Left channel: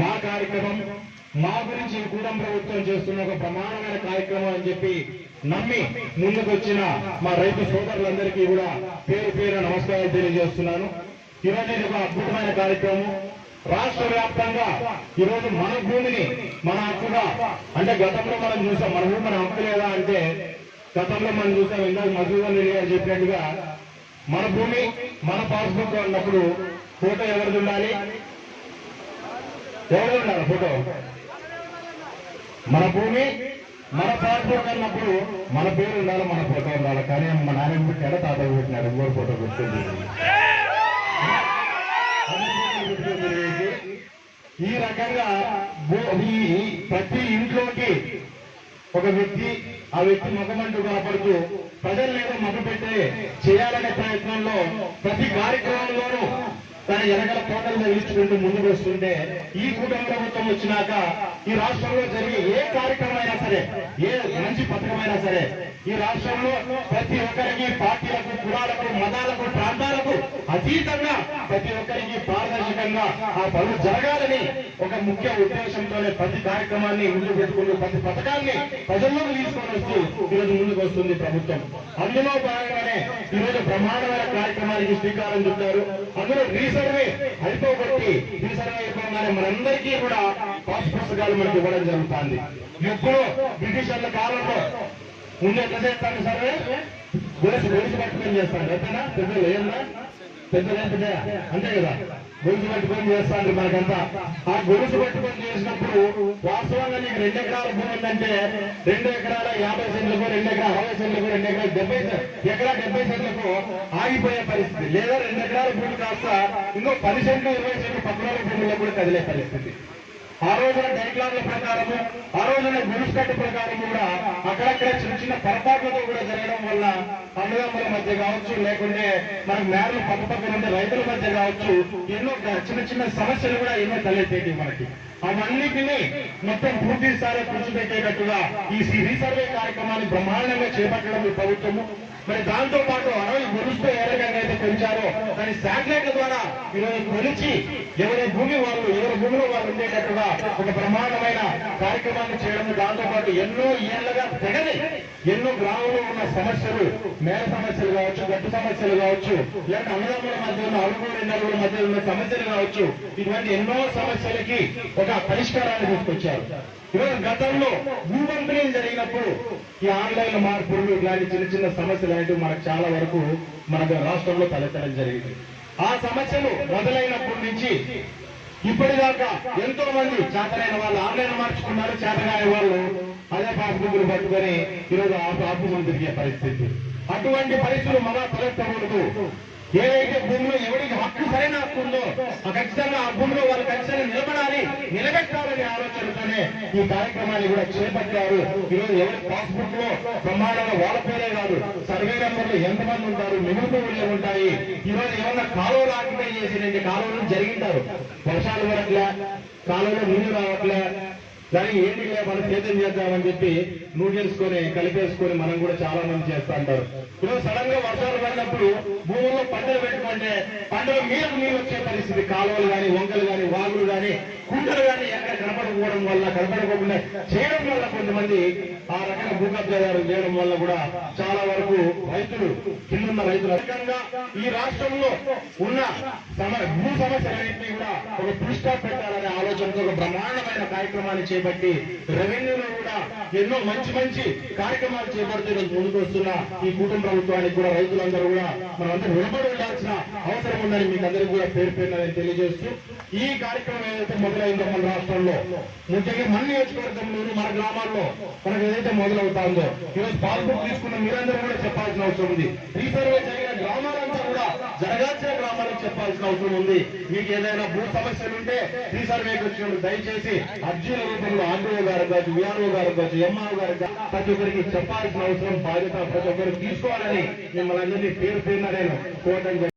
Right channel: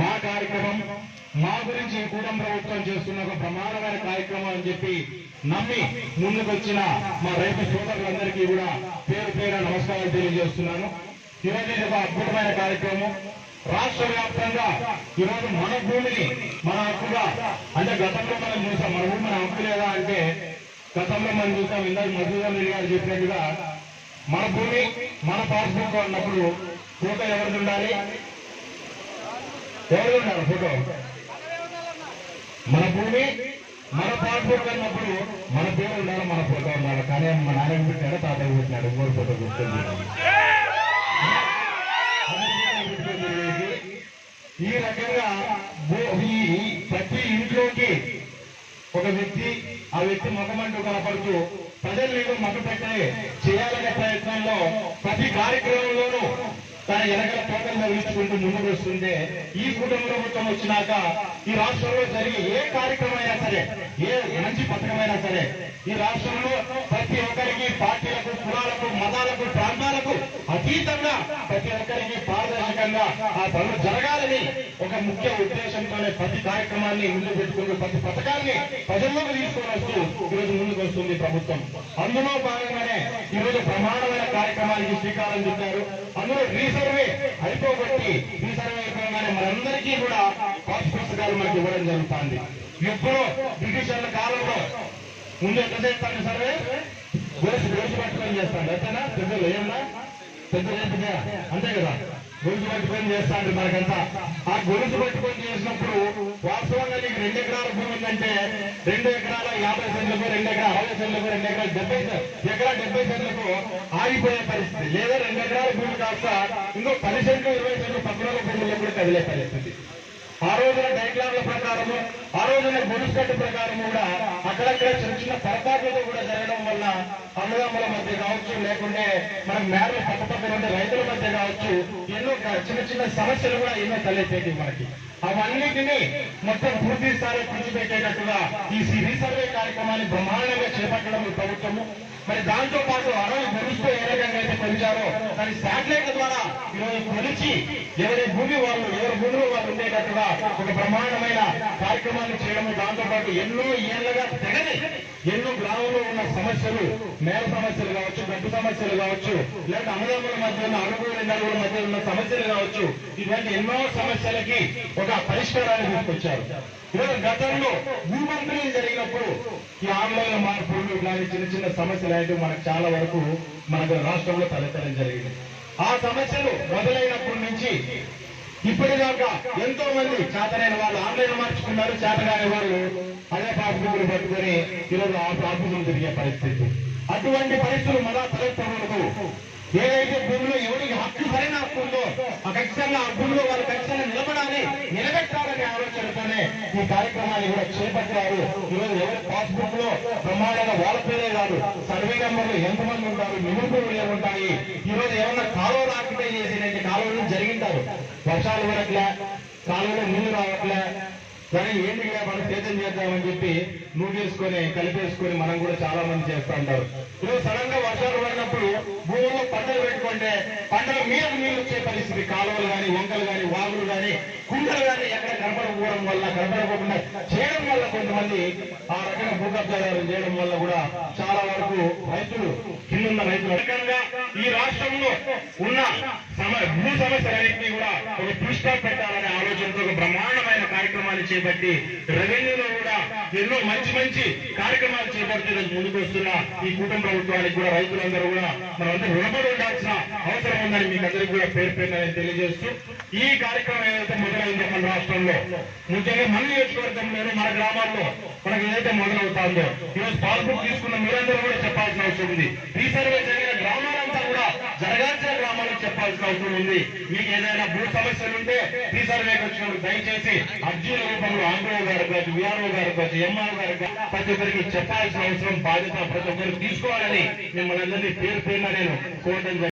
మా కార్యక్రమం మా గురించి ఈ ప్రభుత్వం చేస్తున్న ఒక ప్రమాణమైన కార్యక్రమం అని చెప్పి నమ్మి ముందుకు వచ్చిన మా రైతు సోదరులందరికీ కూడా పేరు పేరు నమస్కారాలు తెలియజేస్తున్నాను. ఈరోజు ఇది ఒక అద్భుతమైన కార్యక్రమం. రాష్ట్ర వ్యాప్తంగా ఈరోజు మన భూమిని మన హక్కుగా అంటే గతంలో మనం చూసాం మన భూమి మన హక్కు లేదా అంటే గతంలో మనం చూసాం ఇందాక మధుసూదన్ రెడ్డి గారు చెప్పినట్టుగా మన భూమి మన పాస్బుక్ అన్నప్పుడు ఫోటో ఎవరిది ఉండాలి? ఎవరిది ఫోటో. మన భూమి మన పాస్బుక్ అన్నప్పుడు మన పేరు ఉండాలి మన ఫోటో ఉండాలి. కానీ మా నాన్న పుట్టాడు తాతయ్య పుట్టినాడు ఇంకోటి ఫోటో గుర్తుంది ఈ రకంగా ఈ ప్రతి ఇంట్లోకి ఒక వ్యక్తి ఆ వ్యక్తి ముఖమంటూ కనపడుతూ ప్రజలు ఏదో మొదలుపెట్టి చేయాలనే ప్రయత్నంలో ప్రతి కార్యక్రమంలోనూ తన వెనకల తోటలు తగిలించుకుంటూ ముందుకు వస్తుంటే ఈ కుటుంబ ప్రభుత్వం వచ్చినాక ఈ రాష్ట్రంలో జరిగే ఏ కార్యక్రమం అయినా సరే ఏ మంచి పథకమైనా సరే ఈ రాష్ట్రంలో ప్రతి ఒక్కరికి పార్టీలకు కులాలకు మతాలకు ప్రాంతాలకు అతీతంగా ప్రతి ఒక్కరికి పారదర్శకంగా ఆ పనులు జరగాలని ఒక ముఖ్య ఉద్దేశంతోనే ప్రతి కార్యక్రమాన్ని ముందు పెట్టుకుని ప్రతి పథకాన్ని ప్రజల్లోకి తీసుకొని ఈరోజు ముందుకు వస్తుంది ప్రభుత్వం. అందులో భాగంగానే ఈరోజు బ్రహ్మాండమైన కార్యక్రమానికి శ్రీకారం చుట్టారు. అందులో రీసర్వే అయిపోబట్టి రీసర్వే అయిపోగానే మనందరికీ కూడా పాస్ పుస్తకాలు మనకి ఇవ్వడం జరుగుతుంది. ఎప్పుడో బ్రిటిషర్ల కాలంలో ముందు ఎట్లా చేస్తాను సర్వే? గొలుసు గొలుసు పట్టుకొని చేస్తాడు. అంతేనా? పెద్దలు ఏమన్నా? పెద్దలు ఏం అంతే కదా. గొలుసు పట్టుకొని చేస్తాడు మనకంతా. ఆ గొలుసు పట్టుకొని చేసినప్పుడు వాస్తవంగా రెండు ఎకరాల భూమి ఉందంటే రెండు ఎకరాల యాభై సెంట్లకు రెండు ఎకరాల అరవై సెంట్లకు రెండు ఎకరాల డెబ్బై ఎకరా డెబ్బై సెంట్లకు ఆగిపోయే పరిస్థితి. లేదా రెండు ఎకరాల భూమి కాస్త ఇంకో పది సెంట్లు ఇరవై సెంట్లు పక్కన భూముల్లో కూడా కదిలే పరిస్థితి. ఆ రోజున డైక్లాన్ల ప్రకారము ఆ రోజున గుడిసెట్టు ప్రకారం కూడా అక్కడక్కడ చిన్న చిన్న పొరపాట్లతో కూడా జరగడం వల్ల అన్నదమ్ముల మధ్య కావచ్చు లేకుంటే మనకు నేరలు పక్క పక్కన ఉండే రైతుల మధ్య కావచ్చు ఎన్నో చిన్న చిన్న సమస్యలు కూడా ఎన్నో తలెత్తేటి మనకి. అవన్నిటినీ మొత్తం పూర్తి స్థాయిలో కూర్చోబెట్టేటట్టుగా ఈ సి- రీసర్వే కార్యక్రమాన్ని బ్రహ్మాండంగా చేపట్టడం ఈ ప్రభుత్వము. మరి దాంతో పాటు అరవై గొలుసుతో ఏ రకంగా అయితే కొలిచారో దాని శాటిలైట్ ద్వారా ఈరోజు కొలిచి ఎవరి భూమి వాళ్ళు ఎవరి భూమిలో వాళ్ళు ఉండేటట్టుగా ఒక బ్రహ్మాండమైన కార్యక్రమాన్ని చేయడం దాంతో పాటు ఎన్నో ఏళ్ళగా తెగని ఎన్నో గ్రామంలో ఉన్న సమస్యలు మేల సమస్యలు కావచ్చు గడ్డి సమస్యలు కావచ్చు లేదంటే అన్నదమ్ముల మధ్య ఉన్న అరుగురు నలుగురు మధ్య ఉన్న సమస్యలు కావచ్చు ఇటువంటి ఎన్నో సమస్యలకి ఒక పరిష్కారాన్ని తీసుకొచ్చారు. ఈరోజు గతంలో భూమంత్రి జరిగినప్పుడు ఈ ఆన్లైన్ మార్పులు ఇలాంటి చిన్న చిన్న సమస్యలు అనేవి మనకు చాలా వరకు మన రాష్ట్రంలో తలెత్తడం జరిగింది. ఆ సమస్యలు మొదలైనప్పటి నుంచి ఇప్పటిదాకా ఎంతో మంది చేతనైన వాళ్ళు ఆన్లైన్ మార్చుకున్నారు చేతనైన వాళ్ళు అదే పాస్బుక్లు పట్టుకొని ఈరోజు ఆ పాస్బుక్లు తిరిగే పరిస్థితి. అటువంటి పరిస్థితులు మళ్ళా తలెత్తకూడదు. ఏదైతే భూమిలో ఎవరికి హక్కు సరైన హక్కు ఉందో ఆ ఖచ్చితంగా ఆ భూమిలో వాళ్ళు ఖచ్చితంగా నిలబడాలి నిలబెట్టాలనే ఆలోచనతోనే ఈ కార్యక్రమాన్ని కూడా చేపట్టారు. ఈరోజు ఎవరి పాస్బుక్లో ప్రమాణంగా వాళ్ళ పేరే కాదు సర్వే నెంబర్లు ఎంతమంది ఉంటారు నిబంధనలు ఉంటాయి. ఈరోజు ఏమన్నా కాలువలు ఆక్యుపై చేసినట్టు కాలువలు జరిగింటారు. వర్షాలు పడట్లే కాలువలో నీళ్ళు రావట్లే. దాన్ని ఏంటి మనం సేద్యం చేద్దామని చెప్పి నూగేసుకొని కలిపేసుకొని మనం కూడా చాలా మంది చేస్తూ ఉంటారు. ఇప్పుడు సడన్గా వర్షాలు పడినప్పుడు భూముల్లో పంటలు పెట్టుకుంటే పంటలు మీద నీళ్ళు వచ్చే పరిస్థితి. కాలువలు కానీ వంకలు కానీ వాగులు కానీ కుంటలు కానీ ఎక్కడ కనపడకపోవడం వల్ల కనపడకుండా చేయడం వల్ల కొంతమంది ఆ రకంగా భూకబ్జాదారులు చేయడం వల్ల కూడా చాలా వరకు రైతులు కింద రైతులు. అధికంగా ఈ రాష్ట్రంలో ఉన్న సమ భూ సమస్యలన్నింటినీ కూడా ఒక దృష్టిగా పెట్టాలనే ఆలోచనతో ఒక బ్రహ్మాండమైన కార్యక్రమాన్ని చేపట్టి రెవెన్యూలో కూడా ఎన్నో మంచి మంచి కార్యక్రమాలు చేపడుతూ ముందుకొస్తున్న ముందుకు వస్తున్న ఈ కుటుంబ ప్రభుత్వానికి కూడా రైతులందరూ కూడా మనందరూ రుణపడి ఉండాల్సిన అవసరం ఉందని మీకు అందరికీ కూడా పేరు పేరున తెలియజేస్తూ ఈ కార్యక్రమం ఏదైతే మొదలు మన రాష్ట్రంలో. ముఖ్యంగా మన నియోజకవర్గంలోని మన గ్రామాల్లో మనకు ఏదైతే మొదలవుతుందో ఈరోజు పాస్బుక్ తీసుకున్న మీరందరూ కూడా చెప్పాల్సిన అవసరం ఉంది. రీసర్వే జరిగిన గ్రామాలంతా కూడా జరగాల్సిన గ్రామాలకు చెప్పాల్సిన అవసరం ఉంది. మీకు ఏదైనా భూ సమస్యలు ఉంటే రీసర్వేకి వచ్చినప్పుడు దయచేసి అర్జీల రూపంలో ఆర్డీఓ గారు కావచ్చు విఆర్ఓ గారు కావచ్చు ఎంఆర్ఓ గారు ప్రతి ఒక్కరికి చెప్పాల్సిన అవసరం బాధ్యత ప్రతి ఒక్కరికి తీసుకోవాలని మిమ్మల్ని అందరినీ పేరు పేరున నేను కోరడం